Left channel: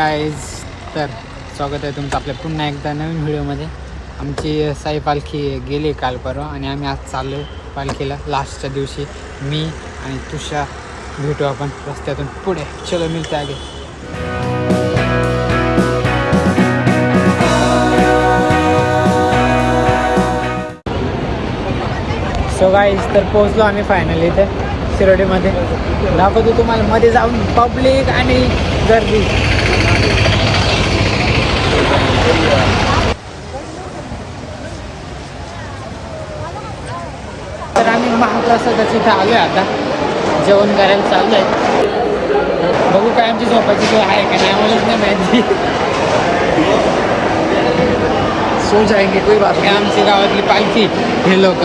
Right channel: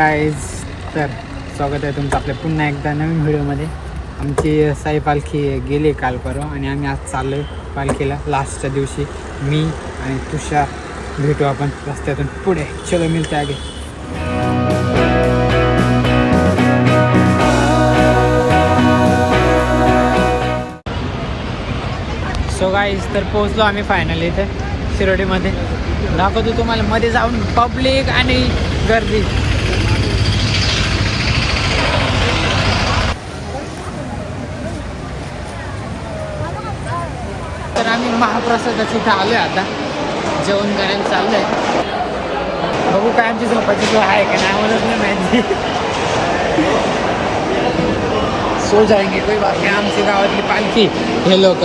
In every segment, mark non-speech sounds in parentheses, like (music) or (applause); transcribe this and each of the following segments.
Hi guys तर स्वागत आहे तुमचं आपल्या पुन्हा एकदा नवीन व्हिडिओमध्ये. आमची साई पालखी गेली काल परवा आणि आम्ही आज चाललो आहे पालखीला लास्टच्या दिवशी. मी आणि तुषार भेटू आपण रस्त्यातून पुढे. चलो मिळते आगे. सो गाईज तर पोहोचलो आम्ही फायनली इथे शिरोडीमध्ये. दाखवतो तुम्हाला मध्ये जाऊन पब्लिक आणि गर्दी. तर आम्ही महाप्रसादाच्या इथे आलोय आता. जेवण करायला चाललोय. बघू काय आमची झोपाची सोय आहे का नाही आम्हालाच नाही माहिती. सो जाएंगे कोई बात नाही. आमची गावातली पालखी हे लोक.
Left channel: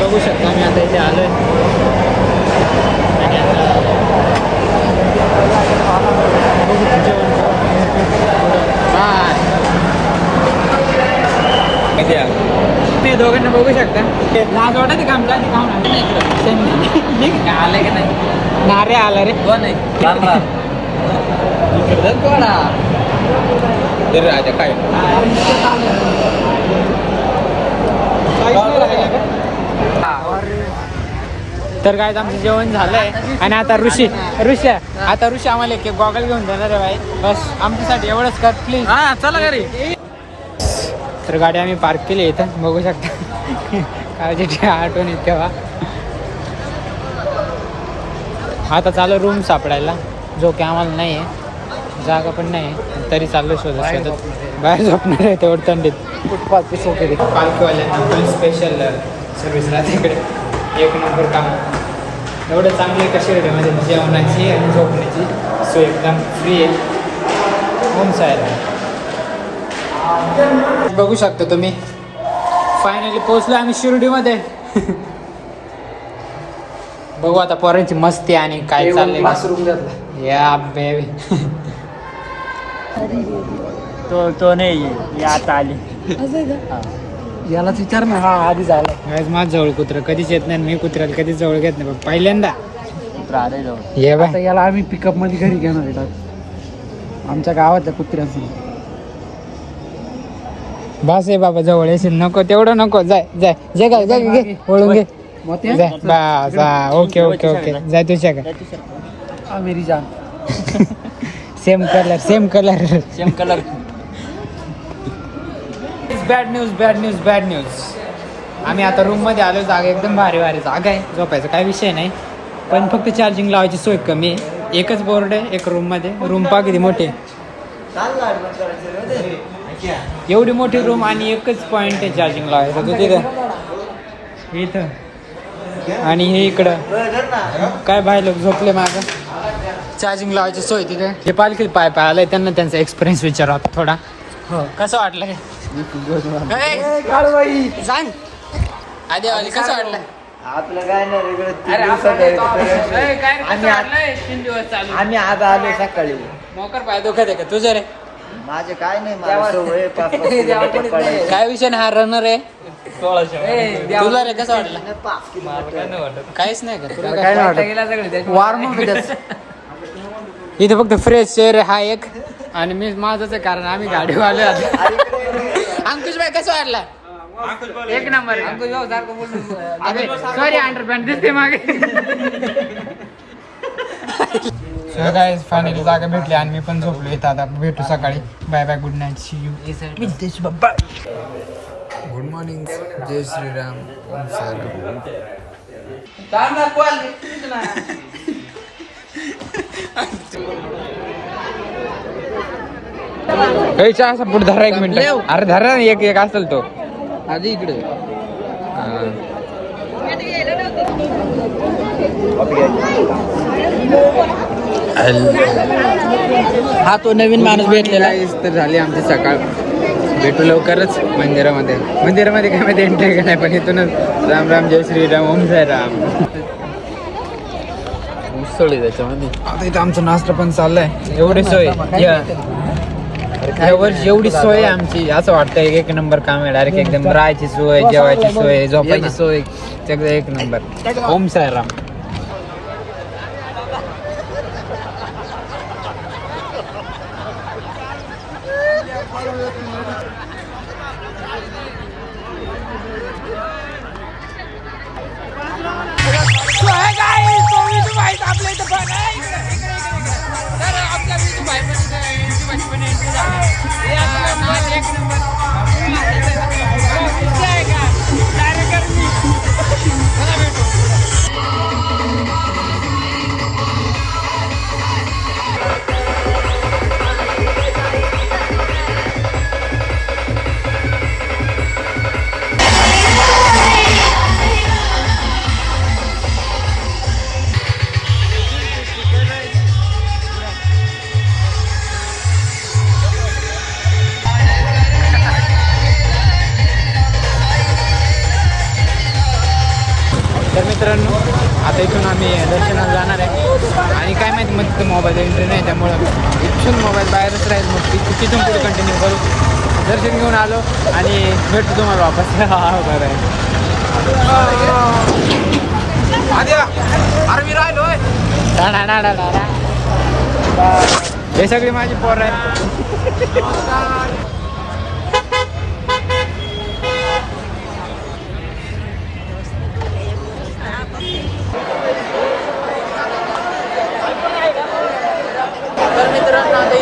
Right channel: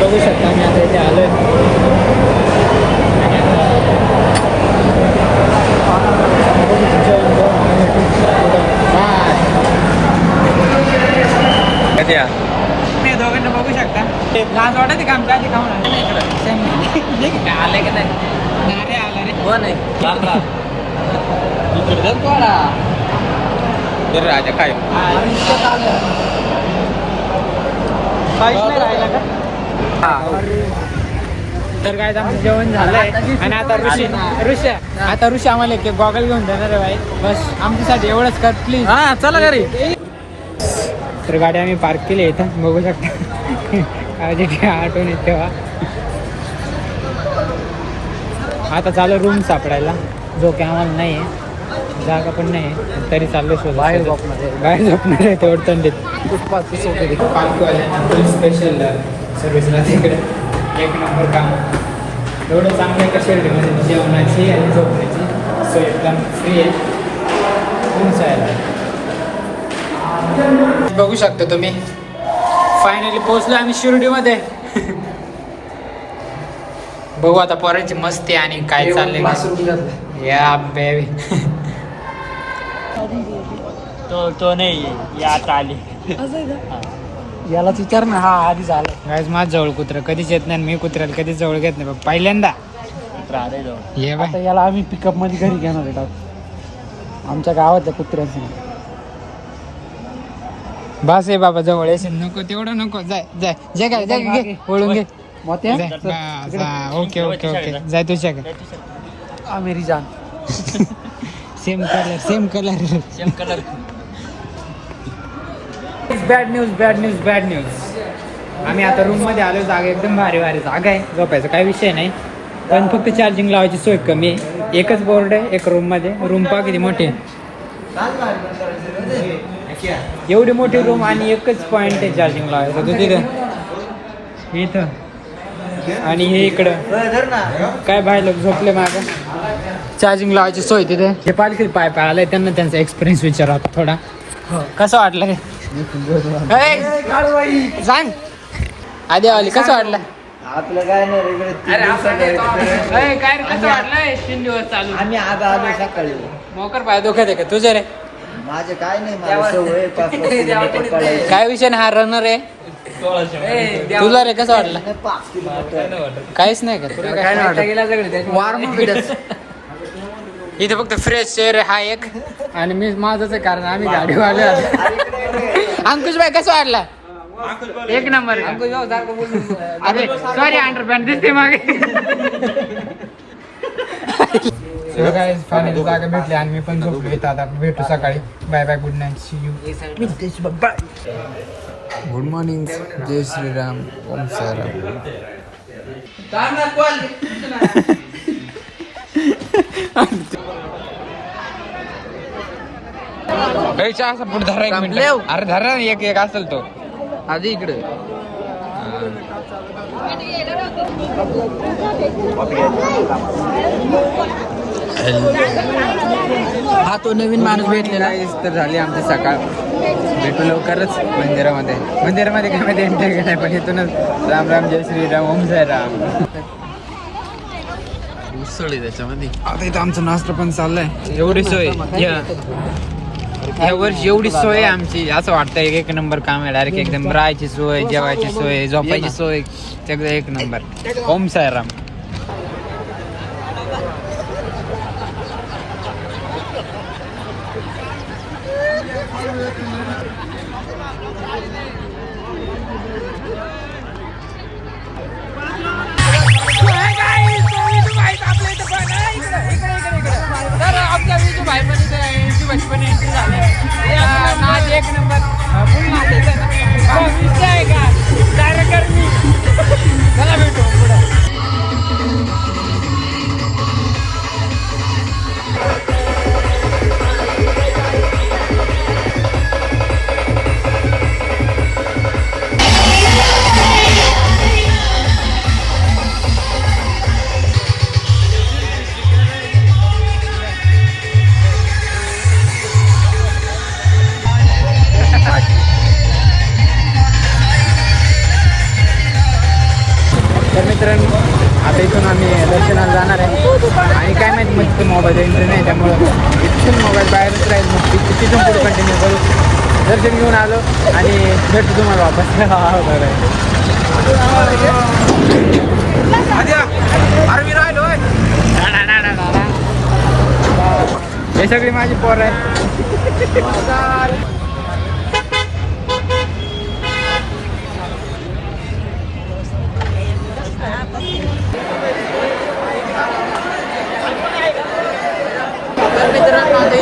बघू शकता आम्ही आता इथे आलोय. आणि नाही दोघांना बघू शकता. लाज वाटत का आमच्या? आधी खाऊन आलं का नाही नारे आला रे. कोण आहे? कोण? राजा काय? तर काय आमचं जेवण झालंय. आणि आता ऋषी ऋषी आता ऋषी आम्हाला एक गॉगल घेऊन देणार आहे भाई. बस आमच्यासाठी एवढंच कर प्लीज हा चला घरी. तर गाडी आम्ही पार्क केली इथं बघू शकता. काळजीची आठवण येते तेव्हा आता चालू रूम सापडायला. जो की आम्हाला नाही आहे. जागा पण नाही आहे. तरी चाललो शोध बाहेर झोपणार आहे. बाहेर झोपणार आहे तेवढं थंडीत. पालखीवाल्यांना फुल स्पेशल सर्व्हिस राहते इकडे. एक नंबर काम एवढं चांगलं आहे का शिर्डीमध्ये? जेवणाची आणि झोपण्याची सोय एकदम फ्री आहे. रूम्स आहे बघू शकता तुम्ही. फायनली पोहोचलो आम्ही शिर्डीमध्ये. (laughs) बघू आता पोरांची मस्ती आणि काय चाललंय. या बेबी (laughs) तो तो नाही ये आता आली. यालाच विचार ना हा आधी झाला. गायज माझ जवळ कुत्र कधीच येत नाही आणि मी कुत्र्याला कधीच जवळ घेत नाही. बघ पहिल्यांदा. ये बाय. आता याला आम्ही पिकअपमध्ये घरी घेणार आहे टाक. आमच्या गावातल्या कुत्र्याचं बस आहे बाबा जवळ येशील. नको तेवढं नको. जाय जाय. जे काय जाय घे, ओळून घे. मोत्या? जाय, बस हा, ओके ओके ओके. जाय तुझ्या का हा मेरी जान. Same colour same colour same colour bad news bad news bad news आम्ही आता रूममध्ये आलो जागा एकदम भारी भारी जागा आहे. झोपायचा काही विषय नाही. पण फक्त चार्जिंग लावायची सोय कमी आहे. एकच बोर्ड आहे एक रूममध्ये. रूम पा किती मोठे एवढी मोठी रूम आणि एकच पॉइंट आहे चार्जिंग लावायचं. तू तिथं? आणि हे इकडं. काय लोक झोपले माझं चार्जिंग लावायची सोय तिथे. हे पालखी पाय पाय आलाय त्यांना त्यांचा एक्सपिरियन्स विचारा थोडा. कसं वाटलं काय सांग आधी आली कसं वाटलं? आपलं काय नाही वेगळं तीन दिवसात आम्ही आज आलो सकाळी. मोकर पाय दुखत आहे का? तुझं रे. माझे काय नाही मला सवय पाच (laughs) काय विषय नाही हा रनर आहे? तुला रे कसं वाटलं? काहीच नाही का? तुला काय वाटत? वार्म इथे फक्त फ्रेश एअर हा एक. आणि मी माझंच आहे कारण आम्ही गाडीवर आलो अंकुश भाई कसं वाटला एक नंबर. अंकुश भाऊ सारखं बोलू सॉरी अंडरपॅन्ट दिसते मागे. काय फायनली जागा भेटली आणि मी पण झोपलो इथं. आता भेटू सकाळी. Bye bye good night see you good morning जय श्रीराम ओम साईराम पुढे धरा एक मिनिट. अरे धरा ना एक एक असेल तो. आधी इकडे. हा तो नवीन माणूस भेटलेला तर झाली आमची सकाळ. भेटू लवकरच मंदिरामध्ये. मंदिरामध्ये काय माहिती एंट्री का नाही पण इथूनच राम राम जय श्रीराम ओम जय राम. उसळ त्याच्यामध्ये. आता इथं आमचं नाश्ता पण चाललंय. एवढी सोय. या जेवढी सोय आहे आमची असं वाटतंय एक नंबर काम आहे. डायरेक्ट एकदम राहायची सोय जेवायची सोय झोपायची सोय. सगळं एक नंबर. ओम साईराम. बचपन है ना देख नंबर तर मित्रांनो आता इथून आम्ही दर्शनाला जाणार आहे. आणि काय माहिती मग तिथं मोबाईल एंट्री नाही त्यामुळं इथून मोबाईल बाहेरच राहील मग ती तिथून पुढे कंटिन्यू करू. दर्शन घेऊन आलो आणि भेटतो तुम्हाला वापस. (laughs) हा, बरं आहे. हे सगळी माझी पोर आहे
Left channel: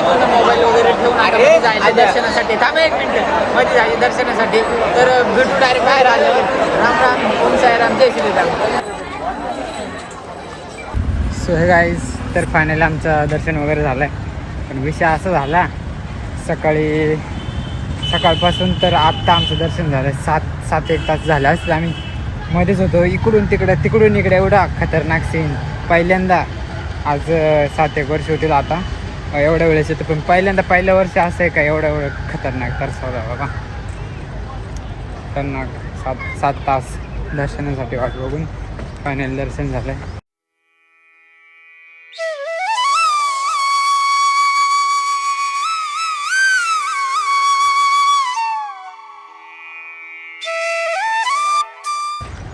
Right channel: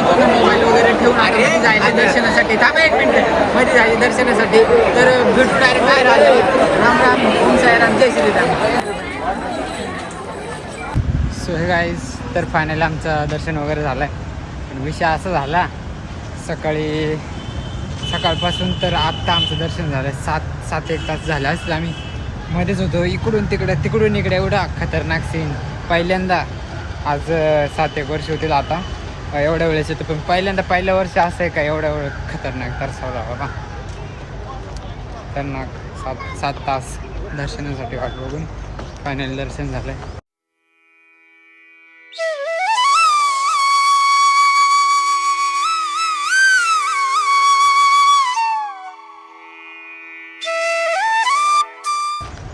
इथून मोबाईल वगैरे ठेवून मध्ये जायला दर्शनासाठी थांबा एक मिनिट. मध्ये जायला दर्शनासाठी. तर भेटू डायरेक्ट बाहेर आलो राम राम. ओम साईराम. जय श्रीराम. सो हे गाईज तर फायनली आमचं दर्शन वगैरे झालं आहे पण विषय असा झाला सकाळी सकाळपासून तर आत्ता आमचं दर्शन झालं सात सात एक तास झाले असतील आम्ही. मध्येच होतो. इकडून तिकडं तिकडून इकडे एवढा खतरनाक सीन पहिल्यांदा आज सात एक वर्ष होतील आता. एवढ्या वेळेस येतो. पण पहिल्यांदा पहिल्या वर्ष असं आहे का एवढ्या एवढं खतरनाक तर तरसावला बाबा. खतरनाक सात सात तास दर्शनासाठी वाट बघून फायनल दर्शन झालं आहे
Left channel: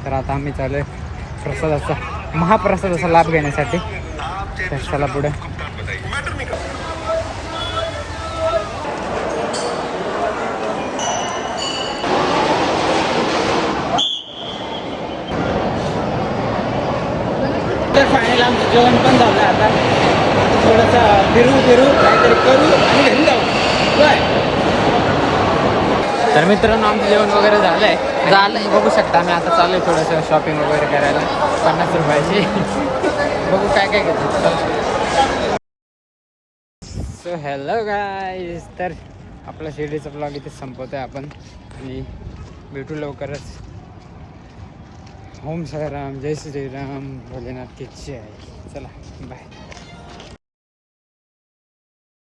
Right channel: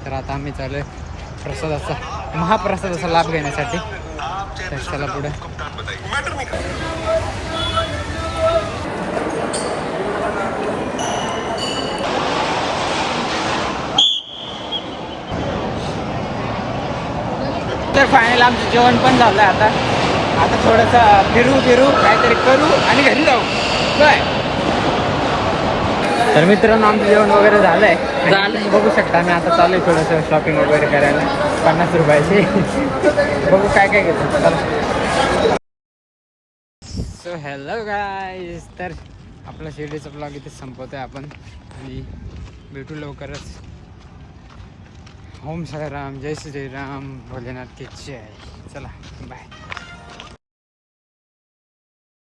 तर आता आम्ही चालू आहे प्रसादाचा महाप्रसादाचा लाभ घेण्यासाठी. तर चला पुढे. तर फायनल आमचं जेवण पण झालं आता. आता थोडंसं फिरू फिरू काहीतरी करू आणि घरी जाऊ. काय तर मित्रांनो आमचं जेवण वगैरे झालं आहे तुम्ही बघू शकता आम्ही आता चालू आहे थोडंसं शॉपिंग वगैरे करायला. पन्नास रुपयाची. (laughs) बघू काय काय घेतो. चला. सो हॅलो गाईज तर आपला शिर्डीचा ब्लॉग इथे संपवतोय आपण. आणि भेटू लवकरच. ओम साईराम. जय श्रीराम भोलेनाथ की जय. चला बाय